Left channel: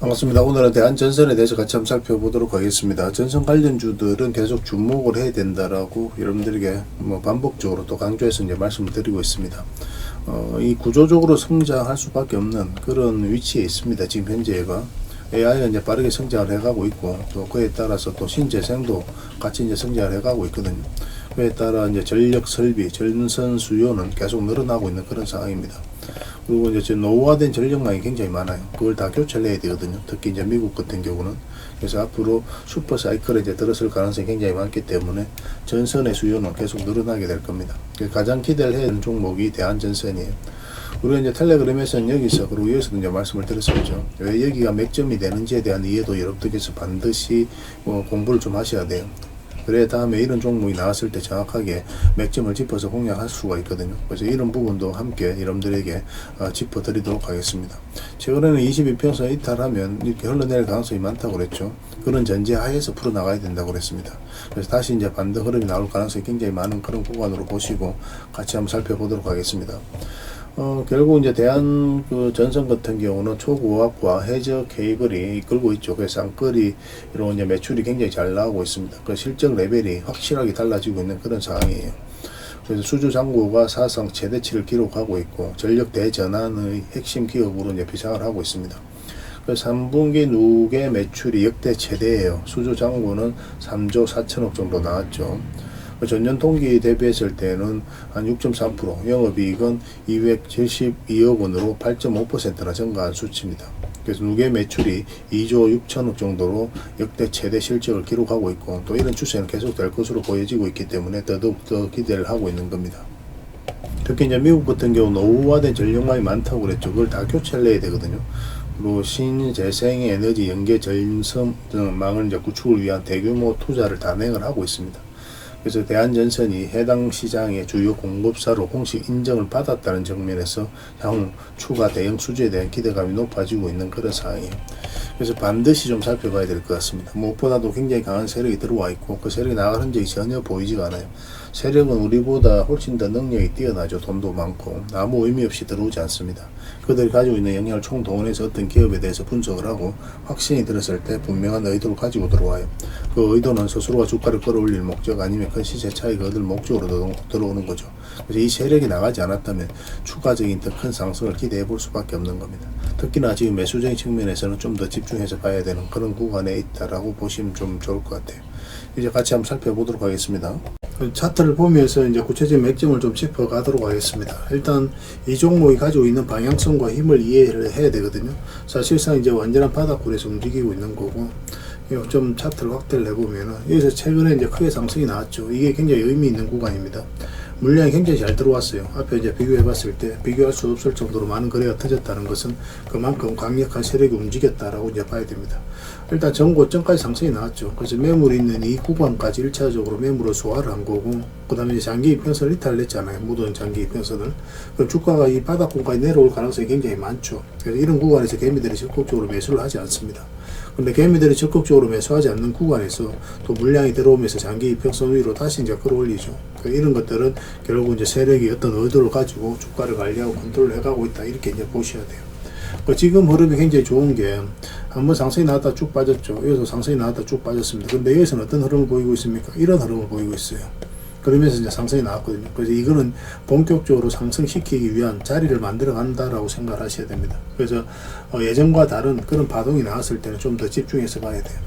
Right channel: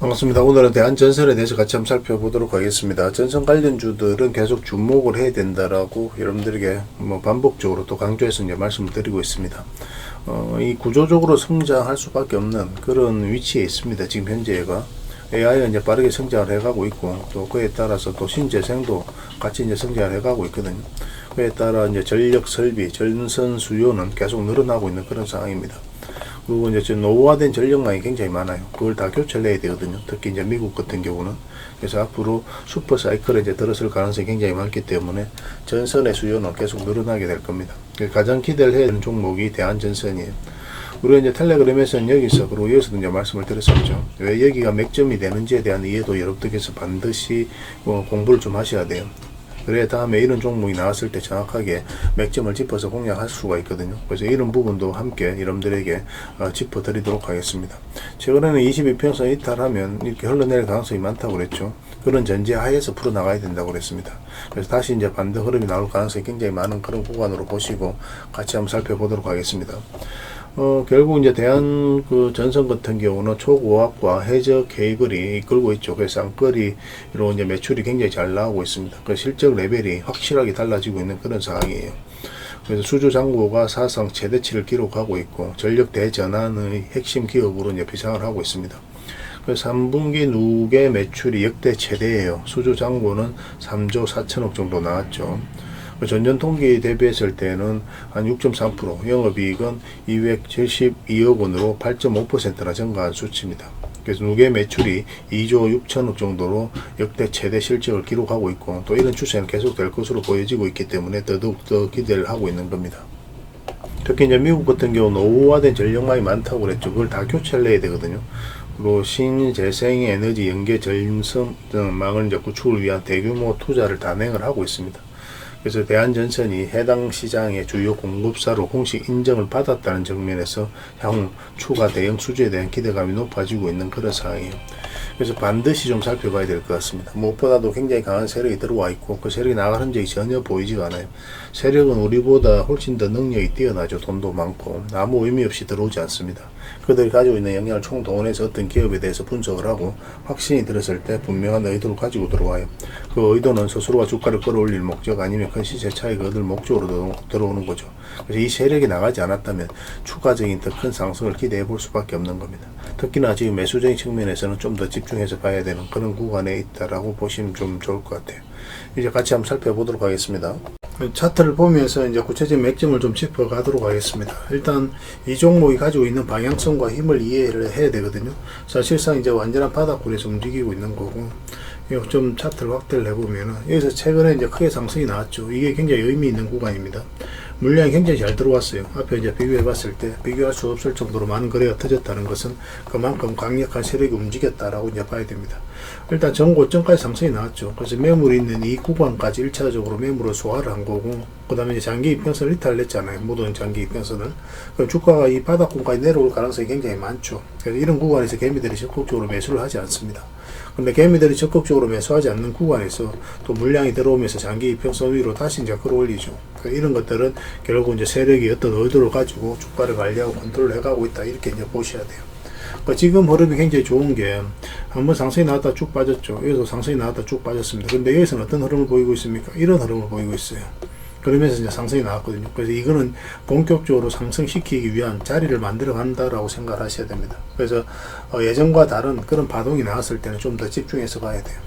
반갑습니다. 오늘은 대한전선에 대해서 같이 한번 살펴보도록 하겠습니다. 전선 관련주들은 계속 주목을 해야 된다라고 여러분들에게 반복적으로 또 강조해서 이제 말씀을 드리고 있습니다. 이 구조적으로 성장할 수밖에 없는 그런 위치에 있습니다. 지금 현재가 AI가 이제 빠르게 성장을 해가고 있고, 또 그에 따라서 또 신재생도 같이 이제 성장을 해가고 있거든요. 그에 따라 이제 전력 설비, 전선 수요는 계속 늘어나고 있는 그런 상황입니다. 그리고 이제 노후화된 전력망이 굉장히 많아요. 그걸 다 교체를 해야 되거든요. 특히 이제 미국 같은 경우는. 그래서 앞으로 슈퍼 사이클에 이제 들어설 가능성이 굉장히 많기 때문에 전선의 수요는 계속 늘어나게 될 겁니다. 가장 기대를 해야 되는 종목이 대한전선이에요. 우리가 이제 텔레그램에서는 여기서, 그리고 여기서도 이제 말씀을 드렸었죠. 왜 여기가 맥점이 되는지에 대한 이해도 여러분들께서 반드시 공부를 좀 하셔야 돼요. 그래 다음에 이런 종목이 나왔을 때 정확하게 맥점을 짚어서 공략할 수가 있거든요. 그래서 이런 부분도 함께 여러분들에게 짚어드리도록 하겠습니다. 최근에는 22평선 이탈하면 이렇게 흘러내릴 가능성이 많다고 그랬죠. 그런 전제 하에서 풀어나가야 된다고 그랬습니다. 그래서 다시 이제 반등 흐름이 나올 가능성이 굉장히 많은 그런 구간으로 보시고 같이 한번 살펴보도록 하겠습니다. 결국 이제 대한 전선 같은 경우는 초고압과 해저 케이블이 이끌고 있죠. 그래서 쌍거리로 이제 매출이 굉장히 잘 나오고 있습니다. 그 실적 레벨이 확실하게 달라지고 있는 그런 상황이에요. 그래서 수주 잔고가 사상 최대치를 기록하고 있고, 전력 대전환의 핵심 기업으로 이제 비상을 하고 있습니다. 그래서 3분기 누계 매출이 역대 최대예요. 수주 잔고는 3조 4천억 정도 나왔죠. 전년 동기 대비했을 때는 한 6.3%, 영업이익은 272억 원으로 8.5%나 증가한 수치입니다. 그래서 누계 매출이 2조 6천억 정도로 역대 최대 실적을 기록하고 있고, 또 이런 추세는 계속될 것으로 보여지고 있기 때문에 더더욱 기대를 하고 있는 겁니다. 특히 이제 미국 같은 경우는 노후화된 전력망이 많다고 그랬죠. 그걸 다 교체를 해야 되거든요. 그리고 신재생 에너지 연계 전선망을 이제 구축을 위한 대규모 투자를 단행을 하고 있습니다. 그래서 대한전선이 해당 시장의 주요 공급사로 공식 인정을 받았다는 측면에서 향후 추가 대형 수주에 대한 기대감이 높아지고 있는 그런 상황이에요. 그래서 반드시 좀 살펴봐야 될 것 같습니다. 무엇보다도 굉장히 강한 세력이 들어와 있고, 그 세력이 나갈 흔적이 전혀 보이지가 않아요. 세력은 우리보다 훨씬 더 능력이 뛰어나죠. 돈도 많고 아무 의미 없이 들어오지 않습니다. 그들이 가지고 있는 영향을 총동원해서 어떤 기업에 대해서 분석을 하고 확신이 들었을 때 분명한 의도를 가지고 들어와요. 그 의도는 스스로가 주가를 끌어올릴 목적, 아니면 큰 시세 차익을 얻을 목적으로 들어오는 거죠. 그래서 이 세력이 나가지 않았다면 추가적인 더 큰 상승을 기대해 볼 수밖에 없는 겁니다. 특히나 지금 매수적인 측면에서는 좀 더 집중해서 봐야 되는 그런 구간에 있다라고 보시면 좀 좋을 것 같아요. 이제 같이 한번 살펴보도록 하겠습니다. 차트를 보면서 이제 구체적인 맥점을 좀 짚어가도록 하겠습니다. 일단 이 종목이 가지고 있는 방향성과 힘을 이해를 해야 되거든요. 사실상 이제 완전한 바닥권에서 움직이고 있는 거고, 좀 차트를 확대를 해보면은 여기서 최근에 이제 크게 상승이 나왔죠. 이게 굉장히 의미 있는 구간입니다. 물량이 굉장히 잘 들어왔어요. 앞에 이제 비교해 봤을 때 비교할 수 없을 정도로 많은 거래가 터졌다는 것은 그만큼 강력한 세력이 움직였다라고 이제 봐야 됩니다. 일단 전고점까지 상승이 나왔죠. 그래서 매물이 있는 이 구간까지 1차적으로 매물을 소화를 한 거고, 그 다음에 이제 장기 이평선을 이탈을 했잖아요. 모든 장기 이평선을. 그럼 주가가 이 바닥권까지 내려올 가능성이 굉장히 많죠. 그래서 이런 구간에서 개미들이 적극적으로 매수를 하지 않습니다. 근데 개미들이 적극적으로 매수하지 않는 구간에서 또 물량이 들어오면서 장기 이평선 위로 다시 이제 끌어올리죠. 그러니까 이런 것들은 결국 이제 세력이 어떤 의도를 가지고 주가를 관리하고 컨트롤 해가고 있다, 이렇게 이제 보셔야 돼요. 그러니까 지금 흐름이 굉장히 좋은 게, 한번 상승이 나왔다 쭉 빠졌죠. 여기서 상승이 나왔다 쭉 빠졌습니다. 근데 여기서는 어떤 흐름을 보이고 있습니까? 이런 흐름을 보이고 있어요. 그러면서 이제 상승이 나왔거든요. 그래서 이거는 본격적으로 상승시키기 위한 자리를 만들어 간다라고 생각을 하셔야 됩니다. 그래서 예전과 다른 그런 파동이 나왔을 때는 좀 더 집중해서 봐야 돼요.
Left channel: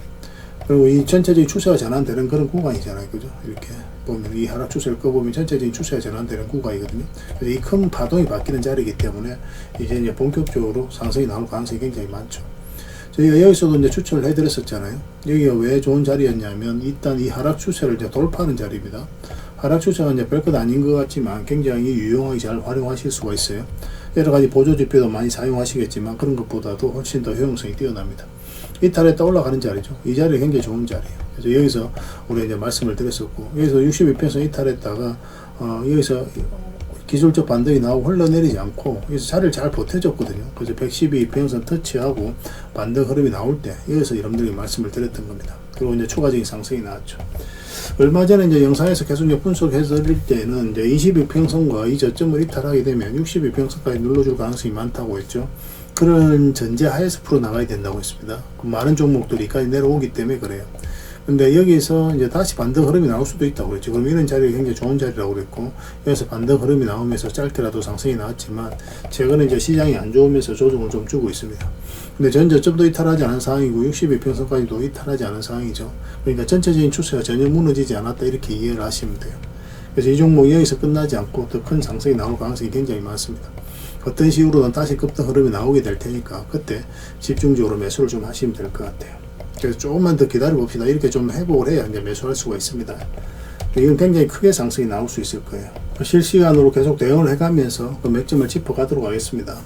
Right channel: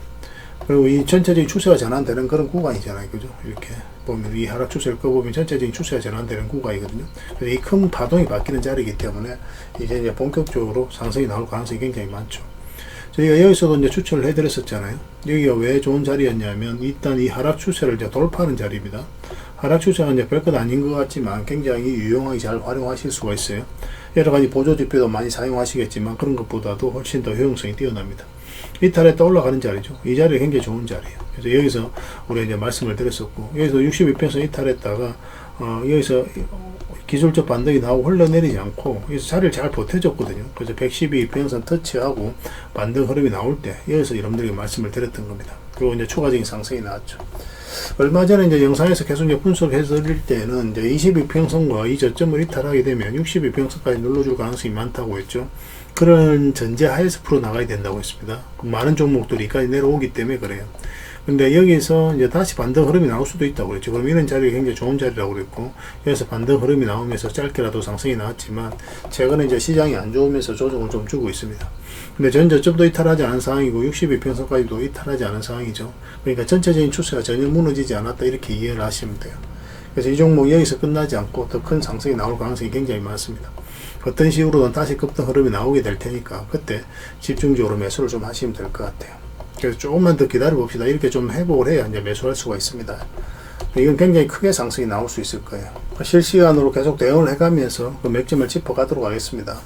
그리고 이 전체적인 추세가 전환되는 그런 구간이잖아요. 그죠? 이렇게 보면 이 하락 추세를 꺼보면 전체적인 추세가 전환되는 구간이거든요. 그래서 이 큰 파동이 바뀌는 자리이기 때문에 이제 본격적으로 상승이 나올 가능성이 굉장히 많죠. 저희가 여기서도 이제 추천을 해드렸었잖아요. 여기가 왜 좋은 자리였냐면, 일단 이 하락 추세를 이제 돌파하는 자리입니다. 하락 추세가 이제 별것 아닌 것 같지만 굉장히 유용하게 잘 활용하실 수가 있어요. 여러 가지 보조 지표도 많이 사용하시겠지만 그런 것보다도 훨씬 더 효용성이 뛰어납니다. 이탈했다 올라가는 자리죠. 이 자리가 굉장히 좋은 자리예요. 그래서 여기서 우리 이제 말씀을 드렸었고, 여기서 62평선 이탈했다가 여기서 기술적 반등이 나오고 흘러내리지 않고 여기서 자리를 잘 버텨줬거든요. 그래서 112평선 터치하고 반등 흐름이 나올 때 여기서 여러분들에게 말씀을 드렸던 겁니다. 그리고 이제 추가적인 상승이 나왔죠. 얼마 전에 이제 영상에서 계속 분석해서 드릴 때는 이제 22평선과 이 저점을 이탈하게 되면 62평선까지 눌러줄 가능성이 많다고 했죠. 그런 전제하에서 풀어나가야 된다고 했습니다. 많은 종목들이 여기까지 내려오기 때문에 그래요. 근데 여기서 이제 다시 반등 흐름이 나올 수도 있다고 그랬죠. 그럼 이런 자리가 굉장히 좋은 자리라고 그랬고, 여기서 반등 흐름이 나오면서 짧게라도 상승이 나왔지만, 최근에 이제 시장이 안 좋으면서 조정을 좀 주고 있습니다. 근데 전 저점도 이탈하지 않은 상황이고, 62평선까지도 이탈하지 않은 상황이죠. 그러니까 전체적인 추세가 전혀 무너지지 않았다, 이렇게 이해를 하시면 돼요. 그래서 이 종목 여기서 끝나지 않고 더 큰 상승이 나올 가능성이 굉장히 많습니다. 어떤 식으로든 다시 급등 흐름이 나오게 될 테니까, 그때 집중적으로 매수를 좀 하시면 될 것 같아요. 그래서 조금만 더 기다려 봅시다. 이렇게 좀 회복을 해야 이제 매수할 수가 있습니다. 이건 굉장히 크게 상승이 나올 수 있을 거예요. 실시간으로 계속 대응을 해가면서 그 맥점을 짚어가도록 하겠습니다.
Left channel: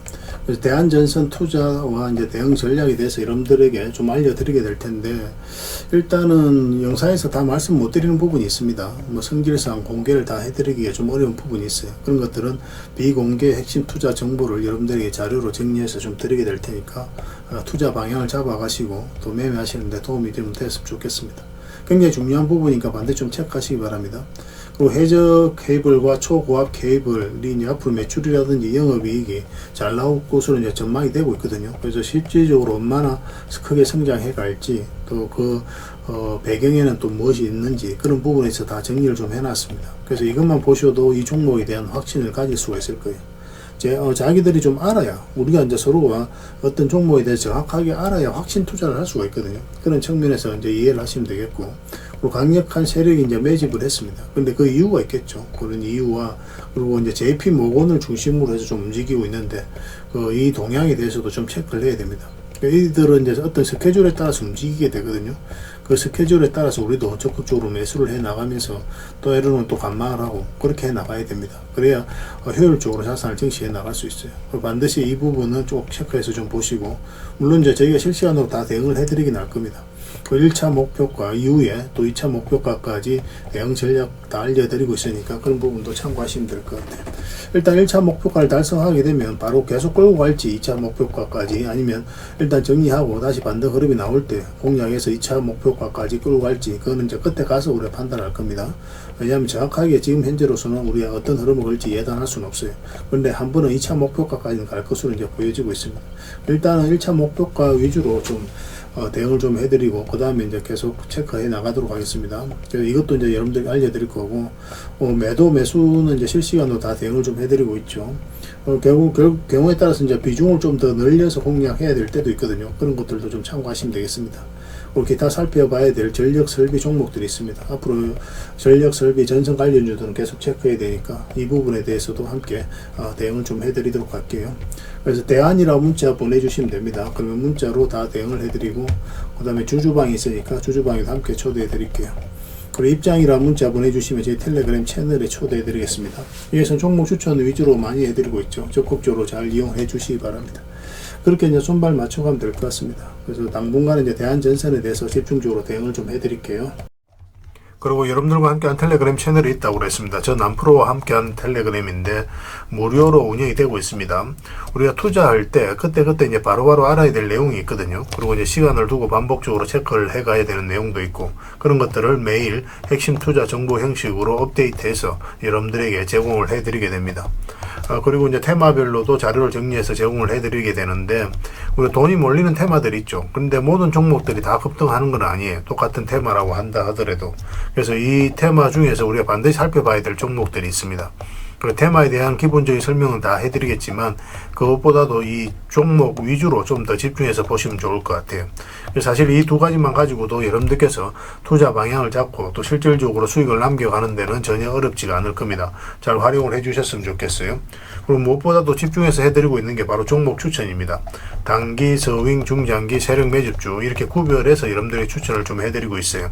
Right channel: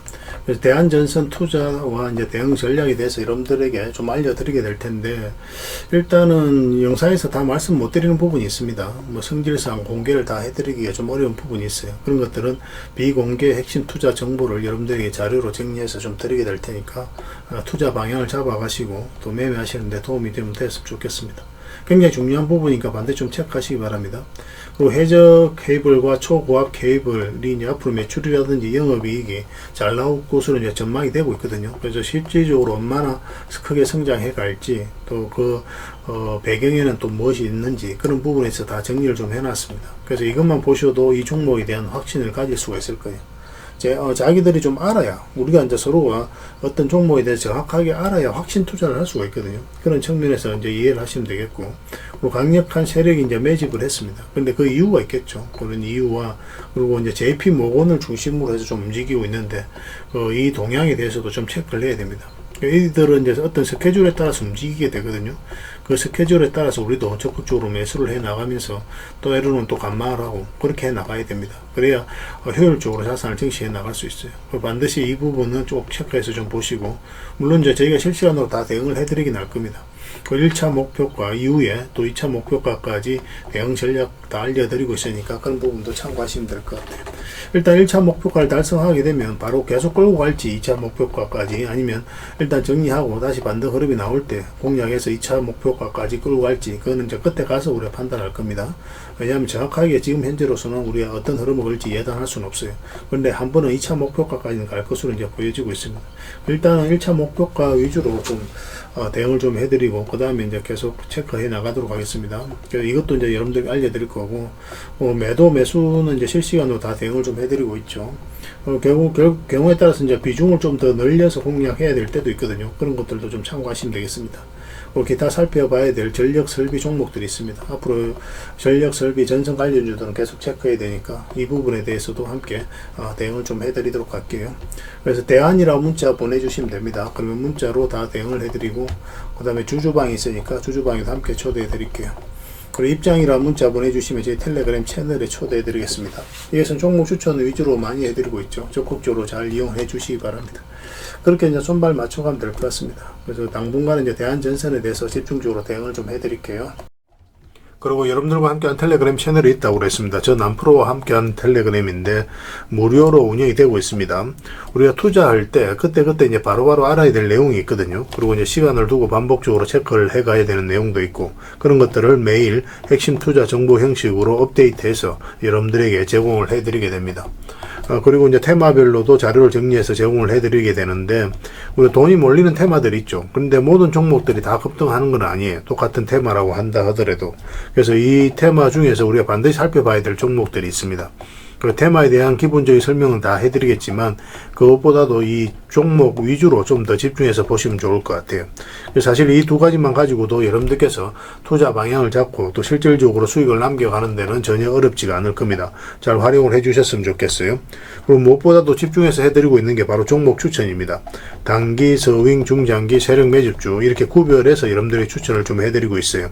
그래서 대한전선 투자와 이제 대응 전략에 대해서 여러분들에게 좀 알려드리게 될 텐데, 일단은 영상에서 다 말씀 못 드리는 부분이 있습니다. 뭐 성질상 공개를 다 해드리기가 좀 어려운 부분이 있어요. 그런 것들은 비공개 핵심 투자 정보를 여러분들에게 자료로 정리해서 좀 드리게 될 테니까, 투자 방향을 잡아가시고 또 매매하시는데 도움이 되면 됐으면 좋겠습니다. 굉장히 중요한 부분이니까 반드시 좀 체크하시기 바랍니다. 그리고 해저 케이블과 초고압 케이블이 이제 앞으로 매출이라든지 영업이익이 잘 나올 것으로 이제 전망이 되고 있거든요. 그래서 실질적으로 얼마나 크게 성장해 갈지, 또 그 배경에는 또 무엇이 있는지, 그런 부분에서 다 정리를 좀 해놨습니다. 그래서 이것만 보셔도 이 종목에 대한 확신을 가질 수가 있을 거예요. 자기들이 좀 알아야, 우리가 이제 서로가 어떤 종목에 대해서 정확하게 알아야 확신 투자를 할 수가 있거든요. 그런 측면에서 이제 이해를 하시면 되겠고, 그리고 강력한 세력이 이제 매집을 했습니다. 근데 그 이유가 있겠죠. 그런 이유와, 그리고 이제 JP 모건을 중심으로 해서 좀 움직이고 있는데, 이 동향에 대해서도 좀 체크를 해야 됩니다. 이들은 이제 어떤 스케줄에 따라서 움직이게 되거든요. 그 스케줄에 따라서 우리도 적극적으로 매수를 해 나가면서 또 때로는 또 감마를 하고 그렇게 해 나가야 됩니다. 그래야 효율적으로 자산을 증시해 나갈 수 있어요. 반드시 이 부분은 좀 체크해서 좀 보시고, 물론 이제 저희가 실시간으로 다 대응을 해드리긴 할 겁니다. 그 1차 목표가 이후에 또 2차 목표가까지 대응 전략 다 알려드리고 있으니까 그런 부분도 참고하시면 될 것 같아요. 일단 1차 목표가를 달성하게 되면 바로 계속 끌고 갈지 2차 목표가까지, 아니면 일단 정리하고 다시 반등 흐름이 나올 때 공략해서 2차 목표가까지 끌고 갈지, 그거는 이제 끝에 가서 우리가 판단할 겁니다. 왜냐하면 정확하게 지금 현재로서는 우리가 어떤 흐름을 걸지 예단할 수는 없어요. 그런데 한 번은 2차 목표가까지는 갈 것으로 이제 보여지고 있습니다. 일단은 1차 목표가 위주로 좀 대응을 좀 해드리고, 그 다음에 이제 계속 체크해 나가도록 하겠습니다. 이것도 이제 여러분들께 알려드릴 거고, 매도 매수는 이제 실시간으로 다 대응을 좀 해드리고 있죠. 경우에 따라서 이제 비중을 좀 더 늘려서 공략해야 될 때도 있거든요. 그런 것들도 좀 참고하시면 되겠습니다. 기타 살펴봐야 될 전력 설비 종목들이 있습니다. 앞으로 전력 설비 전선 관련주들은 계속 체크해야 되니까 이 부분에 대해서도 함께 대응을 좀 해드리도록 할게요. 그래서 대안이라고 문자 보내주시면 됩니다. 그러면 문자로 다 대응을 해드리고, 그 다음에 주주방이 있으니까 주주방에도 함께 초대해 드릴게요. 그리고 입장이라 문자 보내주시면 제 텔레그램 채널에 초대해 드리겠습니다. 여기서 종목 추천 위주로 많이 해드리고 있죠. 적극적으로 잘 이용해 주시기 바랍니다. 그렇게 이제 손발 맞춰가면 될 것 같습니다. 그래서 당분간은 이제 대한전선에 대해서 집중적으로 대응을 좀 해드릴게요. 그리고 여러분들과 함께한 텔레그램 채널이 있다고 그랬습니다. 저 남프로와 함께한 텔레그램인데 무료로 운영이 되고 있습니다. 우리가 투자할 때 그때 이제 바로바로 알아야 될 내용이 있거든요. 그리고 이제 시간을 두고 반복적으로 체크를 해가야 되는 내용도 있고, 그런 것들을 매일 핵심 투자 정보 형식으로 업데이트해서 여러분들에게 제공을 해드리게 됩니다. 그리고 이제 테마별로도 자료를 정리해서 제공을 해드리게 되는데, 우리가 돈이 몰리는 테마들이 있죠. 그런데 모든 종목들이 다 급등하는 건 아니에요. 똑같은 테마라고 한다 하더라도. 그래서 이 테마 중에서 우리가 반드시 살펴봐야 될 종목들이 있습니다. 그 테마에 대한 기본적인 설명은 다 해드리겠지만, 그것보다도 이 종목 위주로 좀 더 집중해서 보시면 좋을 것 같아요. 사실 이 두 가지만 가지고도 여러분들께서 투자 방향을 잡고 또 실질적으로 수익을 남겨가는 데는 전혀 어렵지가 않을 겁니다. 잘 활용을 해주셨으면 좋겠어요. 그리고 무엇보다도 집중해서 해드리고 있는 게 바로 종목 추천입니다. 단기, 서윙, 중장기, 세력 매집주 이렇게 구별해서 여러분들의 추천을 좀 해드리고 있어요.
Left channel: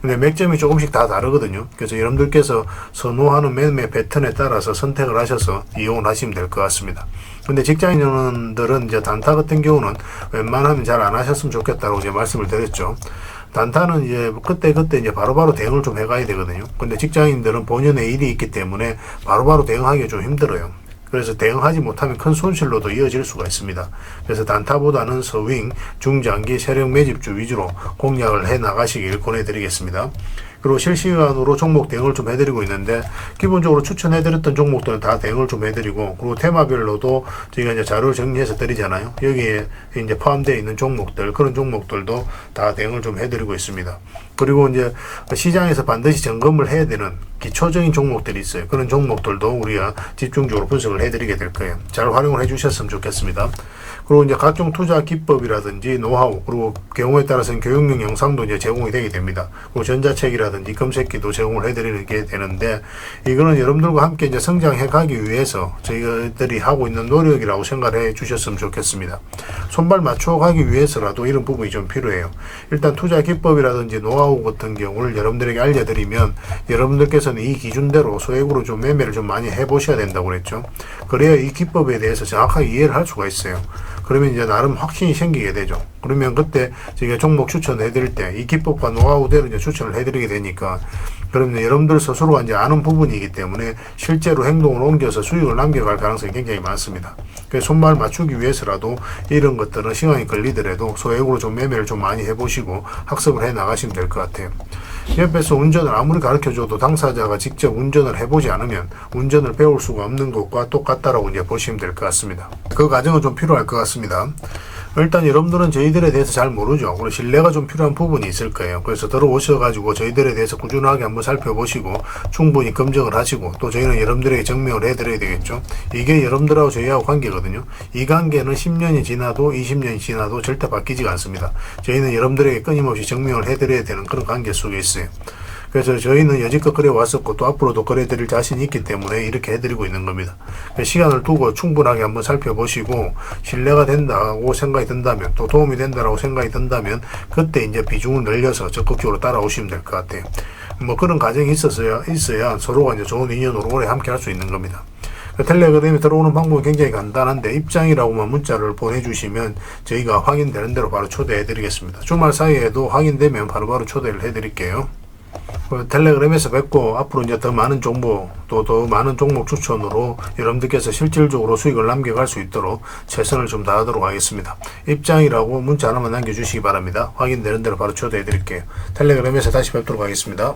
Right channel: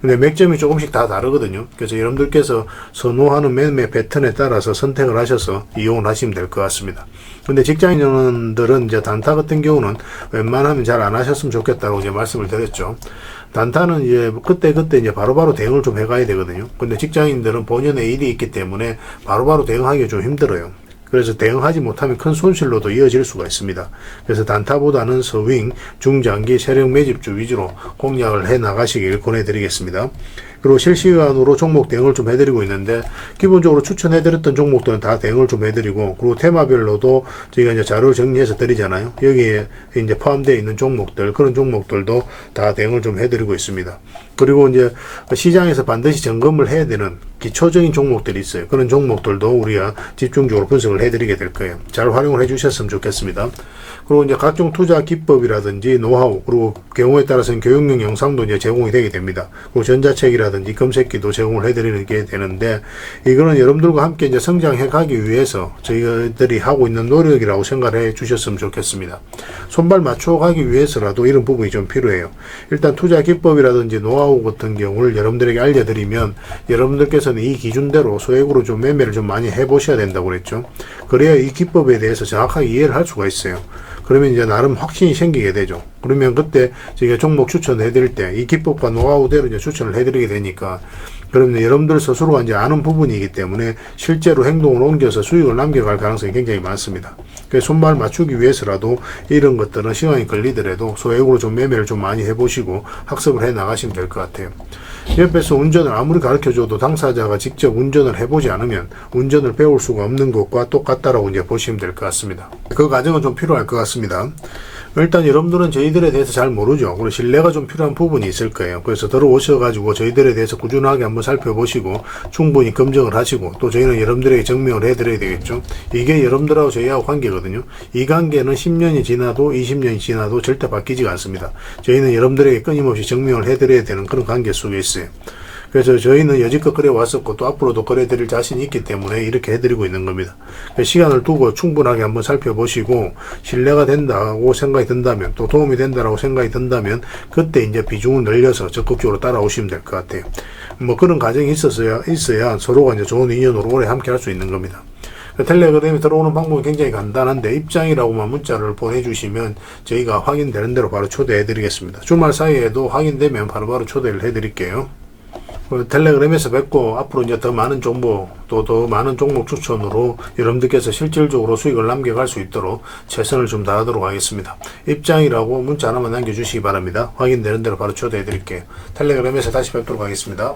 근데 맥점이 조금씩 다 다르거든요. 그래서 여러분들께서 선호하는 매매 패턴에 따라서 선택을 하셔서 이용을 하시면 될 것 같습니다. 근데 직장인들은 이제 단타 같은 경우는 웬만하면 잘 안 하셨으면 좋겠다고 이제 말씀을 드렸죠. 단타는 이제 그때 이제 바로바로 대응을 좀 해가야 되거든요. 근데 직장인들은 본연의 일이 있기 때문에 바로바로 대응하기가 좀 힘들어요. 그래서 대응하지 못하면 큰 손실로도 이어질 수가 있습니다. 그래서 단타보다는 서윙, 중장기, 세력 매집주 위주로 공략을 해 나가시길 권해드리겠습니다. 그리고 실시간으로 종목 대응을 좀 해드리고 있는데, 기본적으로 추천해드렸던 종목들은 다 대응을 좀 해드리고, 그리고 테마별로도 저희가 이제 자료를 정리해서 드리잖아요. 여기에 이제 포함되어 있는 종목들, 그런 종목들도 다 대응을 좀 해드리고 있습니다. 그리고 이제 시장에서 반드시 점검을 해야 되는 기초적인 종목들이 있어요. 그런 종목들도 우리가 집중적으로 분석을 해드리게 될 거예요. 잘 활용을 해주셨으면 좋겠습니다. 그리고 이제 각종 투자 기법이라든지 노하우, 그리고 경우에 따라서는 교육용 영상도 이제 제공이 되게 됩니다. 그리고 전자책이라든지 검색기도 제공을 해드리는 게 되는데, 이거는 여러분들과 함께 이제 성장해 가기 위해서 저희들이 하고 있는 노력이라고 생각해 주셨으면 좋겠습니다. 손발 맞춰 가기 위해서라도 이런 부분이 좀 필요해요. 일단 투자 기법이라든지 노하우 같은 경우를 여러분들에게 알려드리면, 여러분들께서는 이 기준대로 소액으로 좀 매매를 좀 많이 해보셔야 된다고 그랬죠. 그래야 이 기법에 대해서 정확하게 이해를 할 수가 있어요. 그러면 이제 나름 확신이 생기게 되죠. 그러면 그때 저희가 종목 추천해 드릴 때 이 기법과 노하우대로 이제 추천을 해 드리게 되니까, 그러면 여러분들 스스로가 이제 아는 부분이기 때문에 실제로 행동을 옮겨서 수익을 남겨갈 가능성이 굉장히 많습니다. 그래서 손발 맞추기 위해서라도 이런 것들은 시간이 걸리더라도 소액으로 좀 매매를 좀 많이 해보시고 학습을 해 나가시면 될 것 같아요. 옆에서 운전을 아무리 가르쳐줘도 당사자가 직접 운전을 해보지 않으면 운전을 배울 수가 없는 것과 똑같다라고 이제 보시면 될 것 같습니다. 그 과정은 좀 필요할 것 같습니다. 일단 여러분들은 저희들에 대해서 잘 모르죠. 그리고 신뢰가 좀 필요한 부분이 있을 거예요. 그래서 들어오셔가지고 저희들에 대해서 꾸준하게 한번 살펴보시고 충분히 검증을 하시고, 또 저희는 여러분들에게 증명을 해드려야 되겠죠. 이게 여러분들하고 저희하고 관계거든요. 이 관계는 10년이 지나도 20년이 지나도 절대 바뀌지가 않습니다. 저희는 여러분들에게 끊임없이 증명을 해드려야 되는 그런 관계 속에 있어요. 그래서 저희는 여지껏 그래 왔었고 또 앞으로도 그래 드릴 자신이 있기 때문에 이렇게 해드리고 있는 겁니다. 시간을 두고 충분하게 한번 살펴보시고 신뢰가 된다고 생각이 든다면, 또 도움이 된다고 생각이 든다면 그때 이제 비중을 늘려서 적극적으로 따라오시면 될 것 같아요. 뭐 그런 과정이 있어야 서로가 이제 좋은 인연으로 오래 함께 할 수 있는 겁니다. 텔레그램에 들어오는 방법은 굉장히 간단한데, 입장이라고만 문자를 보내주시면 저희가 확인되는 대로 바로 초대해 드리겠습니다. 주말 사이에도 확인되면 바로바로 초대를 해 드릴게요. 텔레그램에서 뵙고, 앞으로 이제 더 많은 정보, 또 더 많은 종목 추천으로 여러분들께서 실질적으로 수익을 남겨갈 수 있도록 최선을 좀 다하도록 하겠습니다. 입장이라고 문자 하나만 남겨주시기 바랍니다. 확인되는 대로 바로 초대해 드릴게요. 텔레그램에서 다시 뵙도록 하겠습니다.